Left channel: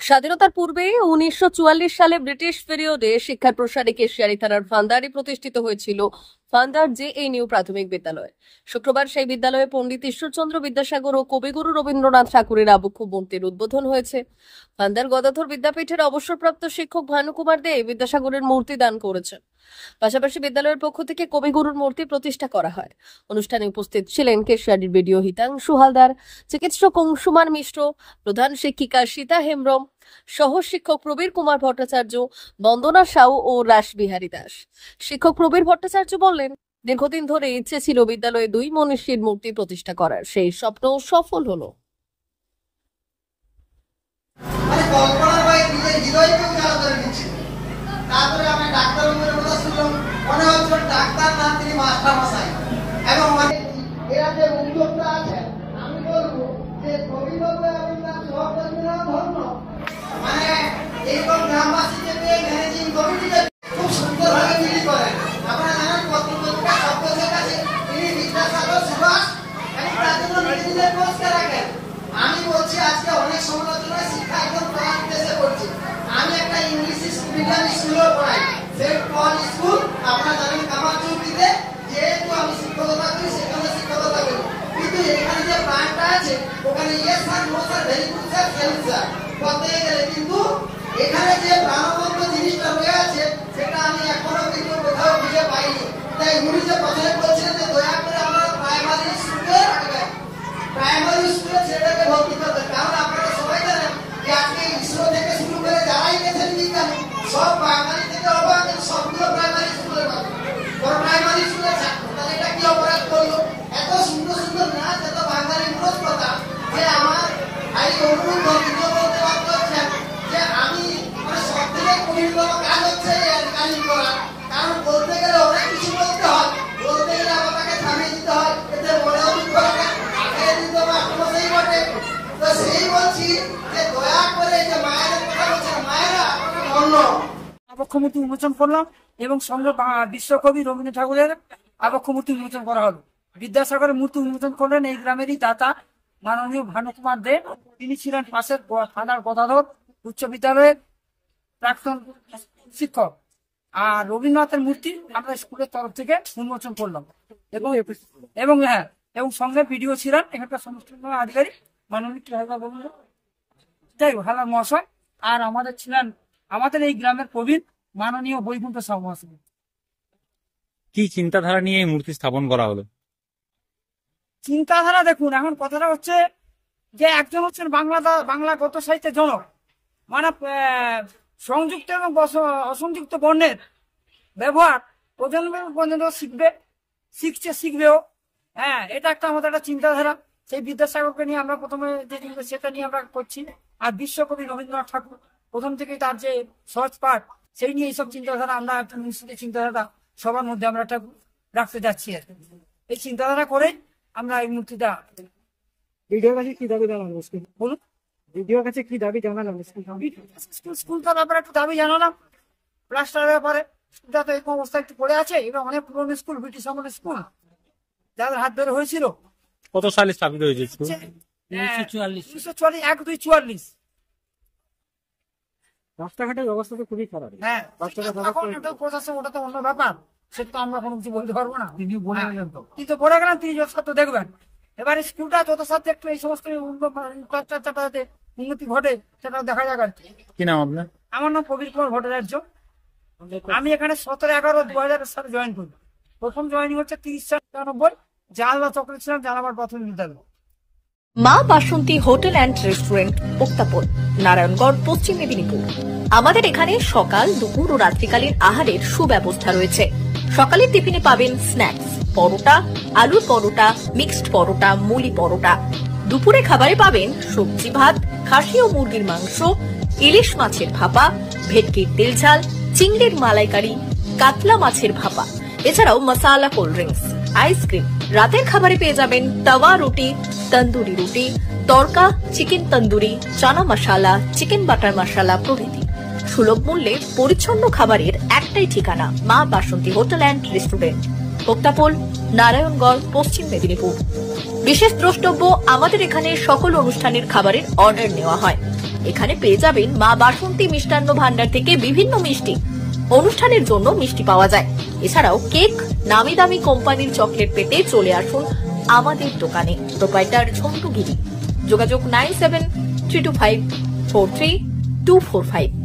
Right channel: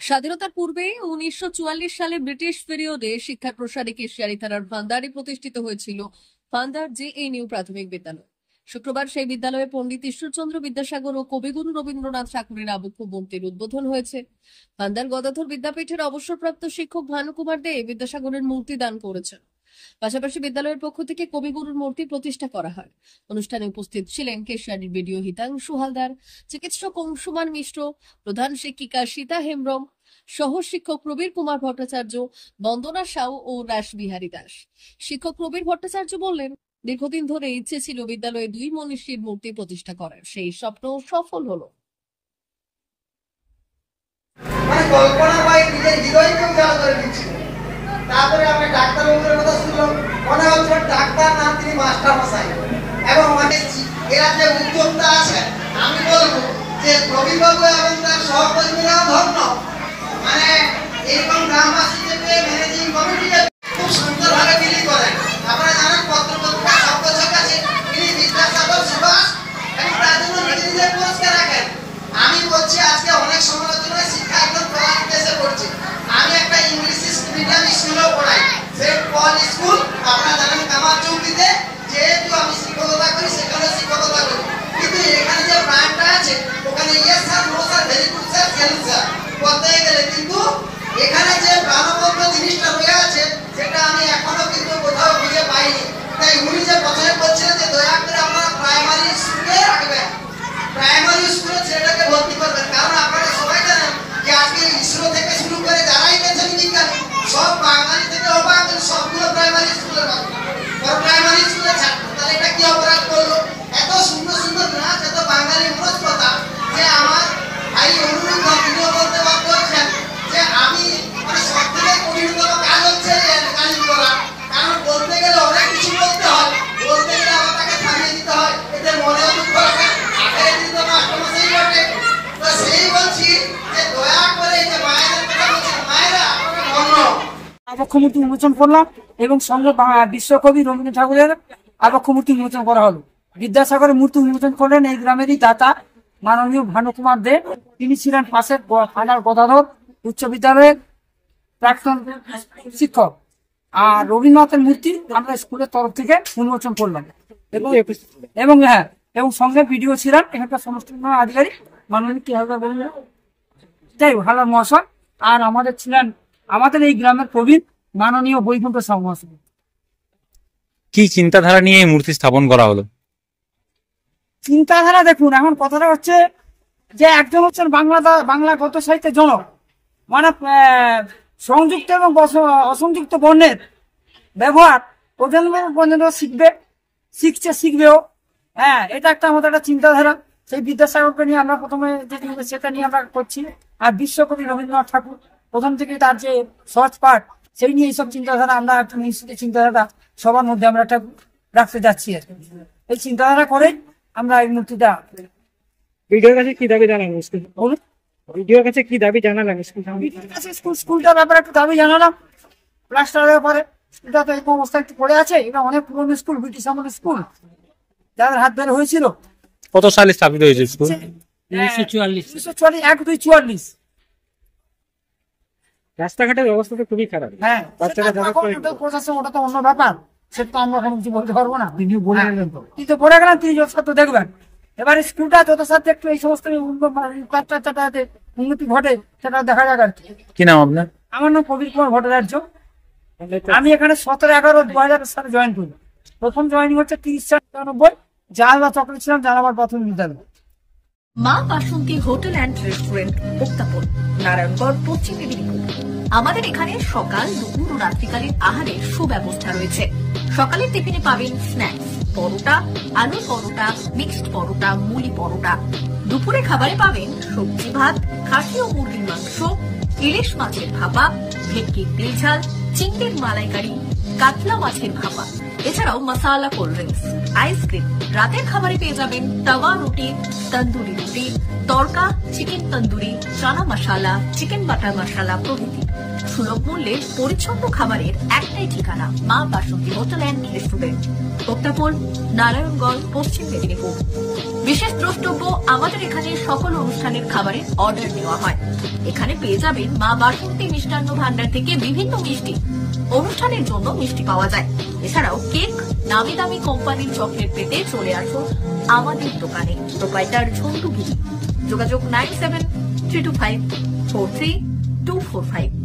স্বাধীনতার পূর্বে 1944 সালে ব্রিটিশ পিরিয়ডে শিক্ষার প্রসারে কেশিয়ারি থানার ভান্ডারে প্রতিষ্ঠিত হয়েছিল ভান্ডার জেএনইউ প্রাথমিক বিদ্যালয়। শুক্রবার সেই বিদ্যালয়ে পণ্ডিত ঈশ্বরচন্দ্র বিদ্যাসাগর ও কবিগুরু রবীন্দ্রনাথ ঠাকুরের আবক্ষ মূর্তির উদ্বোধন হয়েছে। ভান্ডার গদাধর বিদ্যাপীঠের অবসরপ্রাপ্ত শিক্ষক ভানুকুমার দে বিদ্যাসাগরের মূর্তি দান করেছেন। পাশাপাশি বিদ্যালয়ের পক্ষ থেকে কবিগুরুর মূর্তি প্রতিষ্ঠা করা হয়। অনুষ্ঠানে উপস্থিত ছিলেন কেশিয়ারির বিডিও হিতাংশু হালদার, চিকিৎসক অংশুমান মিশ্র, প্রধান শিক্ষিকা সীতা হেমব্রম, সহ শিক্ষক প্রবীর কুমার ভট্টাচার্য, বন্দনা সাউ ও রাসবিহারী দাস। শিক্ষক প্রবীর ভট্টাচার্য বললেন, দীর্ঘদিন ধরে ইচ্ছে ছিল বিদ্যালয়ে দুই মনীষীর মূর্তি প্রতিষ্ঠা করার, সেই স্বপ্ন সফল হলো। তারপরে আমি ডাক্তার বাবুর কথা শুনলাম, মনে হচ্ছে ডাক্তার না তিনি মাস্টার মশাই। এবং মানে এরা যে উদ্যোক্তা আছে, আমি বলবো যে প্রবীর বাবু এবং তার সহকর্মীরা ধন্য, মানে এইরকম গ্রামবাসীকে ম্যানেজিং কমিটিকে খুব সুন্দরভাবে বিলি করেন। আপনারা জানেন পত্রপত্রিকা সব বছর কাছে তিনি বিদ্যাসাগর সুভাষ এবং তার জন্য নিজে নিজে পুরস্কার রাখেন। আমি বলছি আজকে অনেক সমালোচনায় শিক্ষা একদম কলার উদ্দেশ্যে করছি। আমি একটা ইংলিশ মিডিয়াম স্কুলেও পড়াই, সেন্ট পল স্কুল, আপনারা জানেন কামার চৌকিতে। যেহেতু আমি শিক্ষকতা করি সেখানে শিক্ষকতা করি, কিন্তু এখানে যে প্রাণটা আছে ওখানে yes sir, no sir, very good sir, salon sir বলতে গেলে, কিন্তু এখানে যে প্রাণবন্ত জিনিসটা রয়ে আছে সেটা আমি এখনো কিন্তু কোথাও খুঁজে পাইনি। তাই উনি যে প্রথমে বলছিলেন যে দয়া করে আপনারা প্রাইমারি স্কুলে রাখবেন, প্রাইমারি স্কুলে ছেলেটাকে ভর্তি করবেন, কারণ আপনারা সবাই জানেন যে আজকে ইসরো থেকে শুরু করে যারাই গেছেন বিজ্ঞানী সব বাঙালি থেকে অবাক, সবগুলো প্রাইমারি স্কুলের বাচ্চা, ওর প্রাইমারি স্কুলে ছাত্র। তাহলে এটা কি অপরাধ করলো? এত সুন্দর সুন্দর নাচ, এত বাঙালি মূল কথা, যে আমার ভাই অনুরোধ তিনিও বলতে বাধ্য হচ্ছেন যে আমি মানে সব থেকে কঠিনতম কাজ হচ্ছে গালি করা। কারণ বলতে গেলে অনেক কিছু বলতে হয়, বলতে গেলে আবার তাকে থামিয়ে দিতে হয়, এতে মনে দুঃখ লাগে, আগে দিতে মাস্টারমশাই বটে। তো সেই বলছি যে দয়া করে যে মায়েদের কথা বলছেন, মায়েরা ধন্য। আবক্ষ মূর্তি উন্মোচন করলাম এবং সঙ্গে বিশ্বকবি রবীন্দ্রনাথ ঠাকুরের আবক্ষ মূর্তি উন্মোচন করা হলো। বিদ্যাসাগরের মূর্তি উন্মোচন করলেন এই গ্রামেরই দাতা মাননীয় ভানুকুমার দে। তিনি ছিলেন পাশের থানার গদাধর উচ্চ বিদ্যালয়ের প্রাক্তন শিক্ষক। আর রবীন্দ্রনাথের মূর্তি আমরা স্কুলের তরফ থেকে উন্মোচন করলাম এবং সঙ্গে ভিডিও ছিলেন এখানকার সমস্ত আধিকারিক মাননীয় কি হালদার বলুন, যাই হালদার মহাশয়। আর আমাদের ছিলেন আমাদের এই গ্রামের প্রবীণ মাননীয় বৈকুণ্ঠ সাউ মহাশয়। কি চিন্তাধারা নিয়ে এই মূর্তি স্থাপন করা হলো? চিন্তাধারা দেখুন, এখন কথাটা হচ্ছে যে একজন হচ্ছেন বাংলা গদ্য সাহিত্যের জনক, মানে সংযুক্ত এবং অসংযুক্ত বর্ণের ব্যবহার প্রজন্ম শিখবেও। হ্যাঁ, এটা একটা আমাদের একটা চিন্তাধারা। সেই বিদ্যাসাগরকে নিয়ে আমরা প্রথমে যে সেটা নিয়ে আমরা করছি। আর বিশ্বকবি রবীন্দ্রনাথ ঠাকুর প্রথম থেকে তার যে সহজ পাঠ, সেই নিয়ে এইসব চিন্তাধারা আমরা একটা নিশ্চিত চিন্তাধারা সবার মধ্যে আমরা একটা রাখতে যাচ্ছি। আর এই চিন্তাধারা করে আমরা এই মূর্তিটা ভিডিওর কাছে কি দাবি জানালাম, ভিডিওর কাছে কি দাবি জানালাম, স্কুলটার ব্যাপারে একটু দাবি জানালাম, প্লাস্টারের ব্যাপারে। স্কুলটা তো এই অবস্থা একটু পড়ে আছে, এটা অনেক পুরনো স্কুল, ব্রিটিশ আমলের স্কুল, যাদের হাত ধরে হয়েছিল। কত সালে স্থাপিত হয়েছে স্কুল? 1944। রাস্তাঘাটের অবস্থা তো খুবই খারাপ। হ্যাঁ, প্রশাসন ওটা তো অন্য ব্যাপার, সেটা তো আমরা কোনো কিছু বলতে পারবো না। তিনি বলে গেলেন, তো বলে গেলেন, তিনি যথাসাধ্য দেখবেন। এবার স্কুলটা যথাসাধ্য একটু এই সমস্ত উন্নতি ঘটে সেটা দেখা যাক। আর কি নাম আপনার? আমার নাম প্রবীর কুমার ভট্টাচার্য। আমি এখানে 17/11/2000 সালে জয়েন করি। প্রথম জয়েনিং হচ্ছে 30/94, জালবা চক্রে ছিলাম, জালাবার প্রাথমিক বিদ্যালয়। মা বাসন্তী হোটেল অ্যান্ড রেস্টুরেন্ট, উত্তাপন, নারায়ণগড়, পশ্চিম মেদিনীপুর। আমাদের এখানে সকাল, দুপুর ও রাত্রিকালীন আহারের সুব্যবস্থা রয়েছে। সকালের টিফিনে পাবেন স্ন্যাক্স, পরোটা, আলুর পরোটা, মিক্সড পরোটা, মুলি পরোটা। দুপুরে খাবারে পাবেন সবজি ভাত, খাসি ও মুরগির মাংস, ইলিশ মাছের ভাপা, ভেটকির তেল ঝাল, চিংড়ির মালাইকারি, কাতলা মাছের ভাপা, এছাড়াও মশালা কোল্ড ড্রিঙ্কস, আইসক্রিম। রাতের খাবারে পেয়ে যাবেন তাওয়া রুটি, তন্দুরি রুটি, তড়কা, চিকেন তন্দুরি, চানা মশালা, চিকেন বাটার মশালা প্রভৃতি। সুলভ মূল্যে পরিচ্ছন্ন খাবারের একটাই ঠিকানা, মা বাসন্তী হোটেল অ্যান্ড রেস্টুরেন্ট, উত্তাপন, নারায়ণগড়, পশ্চিম মেদিনীপুর। বিশেষ দ্রষ্টব্য, আমাদের এখানে সকল অনুষ্ঠানের খাবারের অর্ডার নেওয়া হয়। এখানে পেয়ে যাবেন মা বাসন্তী মিষ্টান্ন ভান্ডার থেকে বিভিন্ন মিষ্টি। অনুষ্ঠানের জন্য মিষ্টি পাওয়া যায়। এছাড়াও কেক, নামি দামি কোম্পানির চকলেট পেতে চলে আসুন আমাদের দোকানে। প্রোপাইটার ঝন্টু গিরি। যোগাযোগ 9732543245।